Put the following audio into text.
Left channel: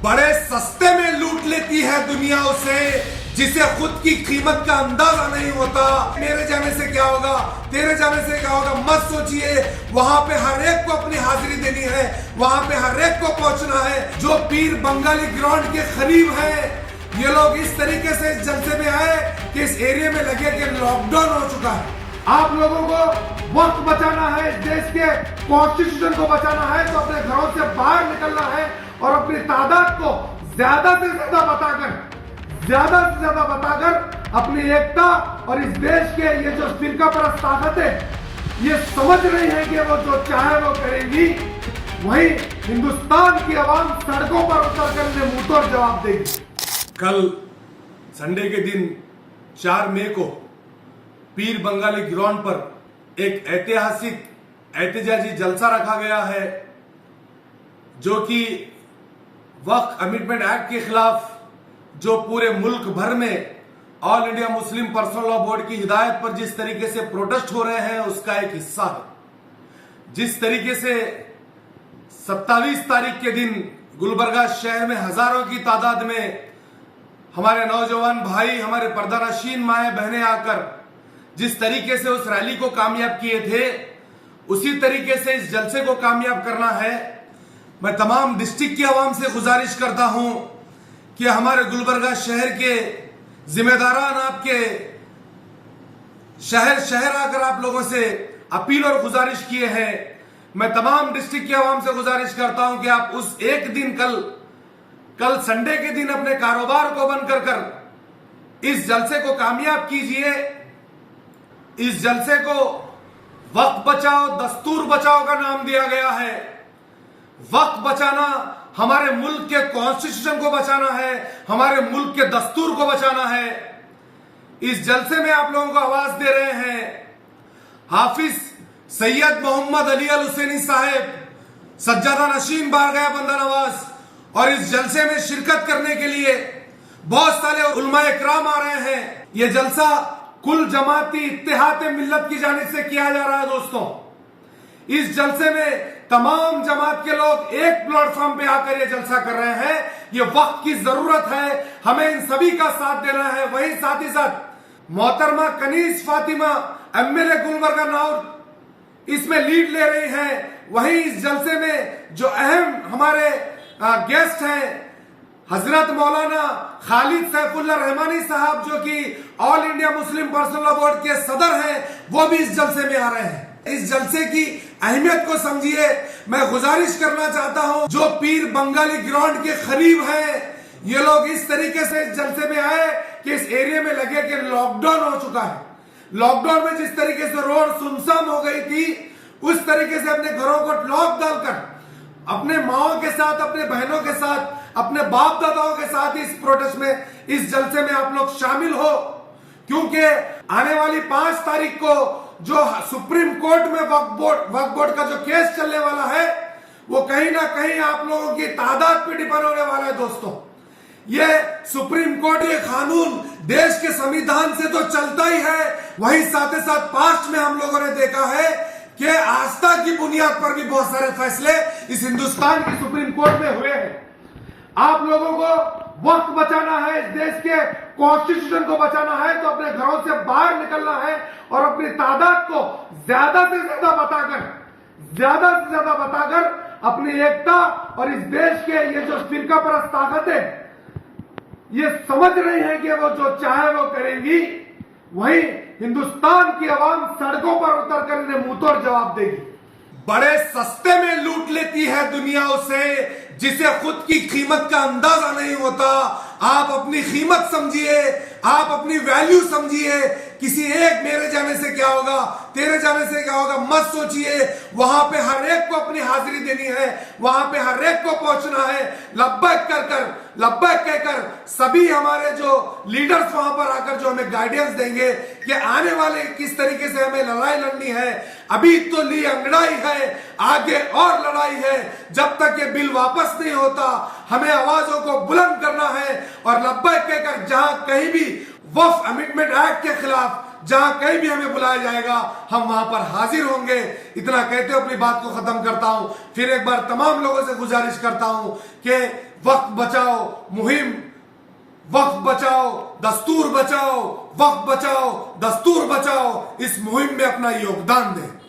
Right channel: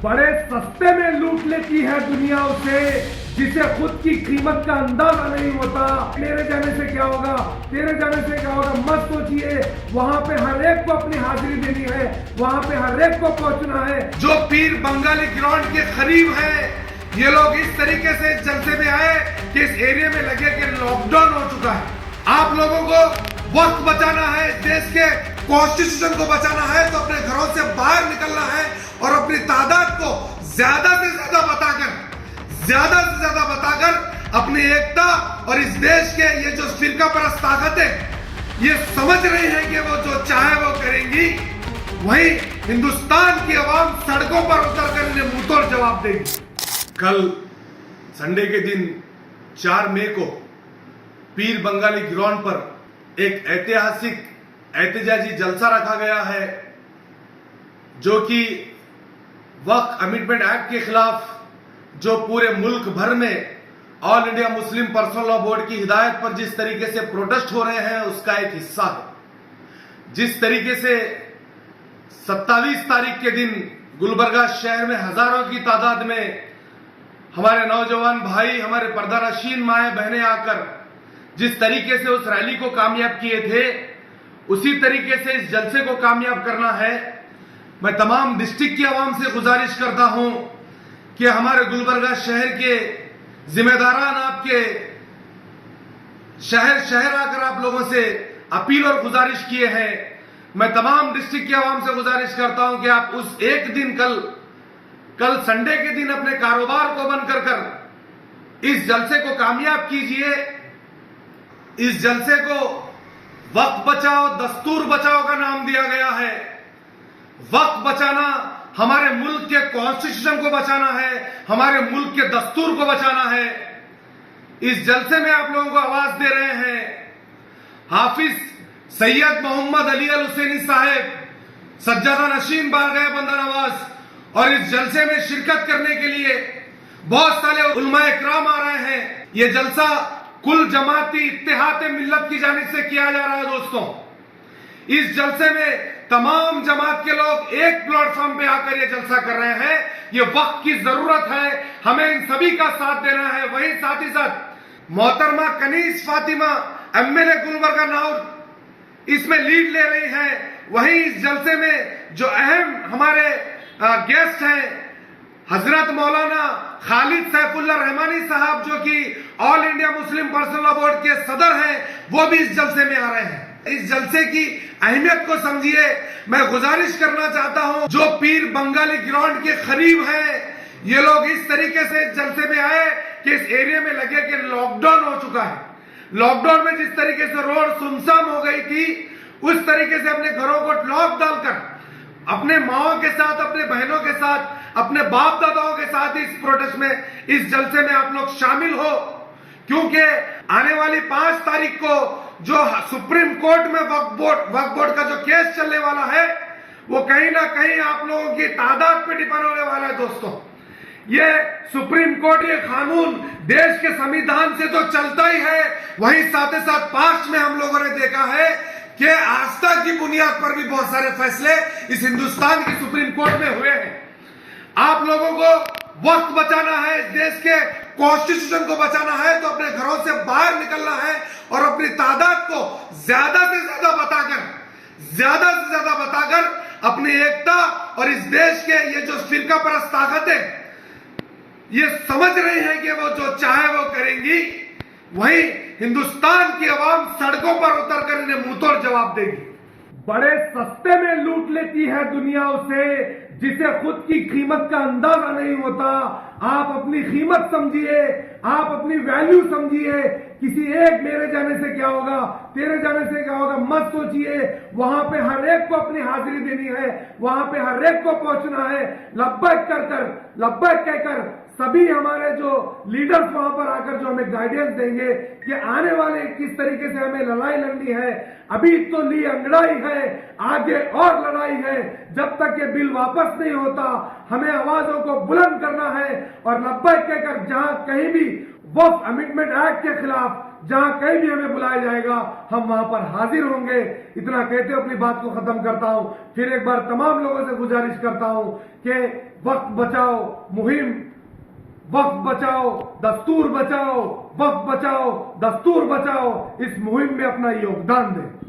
बड़े सस्ते में लूट लेती है दुनिया उसे, जिसे खुद की कीमत का अंदाजा नहीं होता। मेरे जाने से क्या होगा, तेरे जाने से क्या होगा, मत सोचिए। वहां पे हर एक को अपनी हाजिरी देनी है, वहां पे हर एक को पहुंचना है। जो पीर बंगाली ग्राउंड के करीब है, ये लोग इस तरीके से इस जलसे में आए कि इस एरिया में लगे कि लॉकडाउन हो चुका है। आप लोगों को वक्त बचाना है, देश के कॉन्स्टिट्यूशन को बचाना है, तो अपने घरों से बाहर निकलना है और अपनी तादाद को ज्यादा से ज्यादा बताकर अपनी एकता और इस देश के ये जो फिरका परस्त ताकतें ये समझ रही हैं कि वो जो चाहे वो करेंगी, वही हिंदुस्तान की आवाम सड़कों पर उतरकर इन्हें मुंहतोड़ जवाब देगी। कल संडे के दिन 4 मई को पीर बंगाली ग्राउंड पर एक ऐतिहासिक एहतजाजी जलसा रखा गया है, जो कि वक्फ अमेंडमेंट एक्ट के खिलाफ जो पूरे मुल्क भर में all India Muslim personal law board की हिदायत पर जिस तरीके से प्रोटेस्ट हो रहे हैं, उसका एक हिस्सा है। जिस तरीके से 27 तारीख के दिन गुलबर्गा शहर में हजारों की तादाद में हमारे नौजवान भाई, हमारे पर्दानशीन माए बहनें आकर जिस तरीके से उस रैली को कामयाब किए थे, उसी तरीके से इस जलसे को कामयाब करना है। मैं तमाम डिस्ट्रिक्ट की आवाम से गुजारिश करता हूं कि हमारे गुलबर्गा शहर के जिम्मेदारान आपके शहर आकर आप लोगों से अपील और गुजारिश किए हैं। मैं तमाम डिस्ट्रिक्ट की आवाम से गुजारिश करता हूं कि आप उस एक दिन कल संडे के दिन अपने कारोबार को बंद कर इस जलसे को कामयाब कीजिए। इस जलसे को वक्त बचाओ दस्तूर बचाओ का नाम दिया गया है। वक्त बचाना हमारे मुल्क के कॉन्स्टिट्यूशन को बचाना है, हमारे मुल्क के दस्तूर को बचाना है। इस जलसे में आप लोगों को आवाज दे रहे हैं हाफिज सैयद मोहम्मद अली अल हुसैनी साहेब, सज्जादा नशीन बारगाह बंदा नवाज, और इस जलसे में शिरकत करने के लिए बहुत सारे उलमाए इकराम आ रहे हैं। यह जलसा कुल जमाती इत्तेहाद मिल्लत की जानिब से किया जा रहा है। दोस्तों, इस जलसे में तमाम जमात के लोग एक प्लेटफॉर्म पे आकर ये जलसा कर रहे हैं। ये वक्त की जरूरत है, हमें इन सभी का साथ देना है। वहीं साथ ही साथ मोहतरमा कनीज फातिमा एमएलए गुलबर्गा नाउर इसमें लीड ले रही हैं। वहीं इस जलसे में जो अहम हमारे गेस्ट हैं हजरत मौलाना खालिद सैफुल्लाह रहमानी साहब, जो कि all India Muslim personal law board के सदर हैं, वो भी इस जलसे में आ रहे हैं। इस जलसे की अहमियत को समझिए। मैं गुजारिश करना चाहता हूं, जो पीर बंगाली ग्राउंड के करीब हैं, ये लोग इस तरीके से इस जलसे में आए कि इस एरिया में लगे कि लॉकडाउन हो चुका है। लॉकडाउन में जिस तरीके से रोड सुनसान हो गई थी, उस तरीके से अपने घरों को लॉक डालकर अपने माओ के साथ, अपने बहनों के साथ, अपने बाप दादाओं के साथ इस प्रोटेस्ट में, इस जलसे में आप लोग शामिल हो। क्योंकि आने वाली 5 तारीख को जो सुप्रीम कोर्ट में वक्फ बोर्ड का जो केस चलने वाला है, वो कहीं ना कहीं आप लोगों की तादाद पे डिपेंड होने वाला है। दोस्तों, ये सुप्रीम कोर्ट, ये कानून देश के संविधान से तो चलता ही है, वहीं साथ ही साथ पास्ट में हम लोगों ने देखा है कि आस्था की बुनियाद पर भी बहुत सारे फैसले इस हिंदुस्तान की सुप्रीम कोर्ट में हुए हैं। आप लोगों को वक्त बचाना है, देश के कॉन्स्टिट्यूशन को बचाना है, तो अपने घरों से बाहर निकलना है और अपनी तादाद को ज्यादा से ज्यादा बताकर अपनी एकता और इस देश के ये जो फिरका परस्त ताकतें ये समझ रही हैं कि वो जो चाहे वो करेंगी, वही हिंदुस्तान की आवाम सड़कों पर उतरकर इन्हें मुंहतोड़ जवाब देगी। बड़े सस्ते में लूट लेती है दुनिया उसे, जिसे खुद की कीमत का अंदाजा नहीं होता। आप अपनी कीमत समझिए, आप अपनी वैल्यू समझिए। किसी एक मेरे जाने से क्या होगा, तेरे जाने से क्या होगा, मत सोचिए। वहां पे हर एक को अपनी हाजिरी देनी है, वहां पे हर एक को पहुंचना है। लब्बैक कहकर सभी हमारे जो लीडर्स वहां पर आकर जो हमें गाइडेंस देंगे कि आने वाले किस तरीके से हमें लड़ाई लड़नी है। अभी तो ली अंगड़ाई है, आगे और लड़ाई है। जब तक ये बिल वापस नहीं होता, हमें आवाजों को बुलंद करना है और लब्बैक कहकर जहां कहीं भी वक्फ अमेंडमेंट एक्ट के खिलाफ जहां कहीं भी हमें बुलाया जाएगा, हम वहां पर हाजिर होंगे। इतना कहते हुए अपनी बात को खत्म करता हूं। फिर एक बार तमाम लोगों से गुजारिश करता हूं कि वक्त बचाओ मुहिम, वक्त बचाओ दस्तूर बचाओ, वक्त बचाओ दस्तूर बचाओ, इस मुहिम में अपना योगदान दें।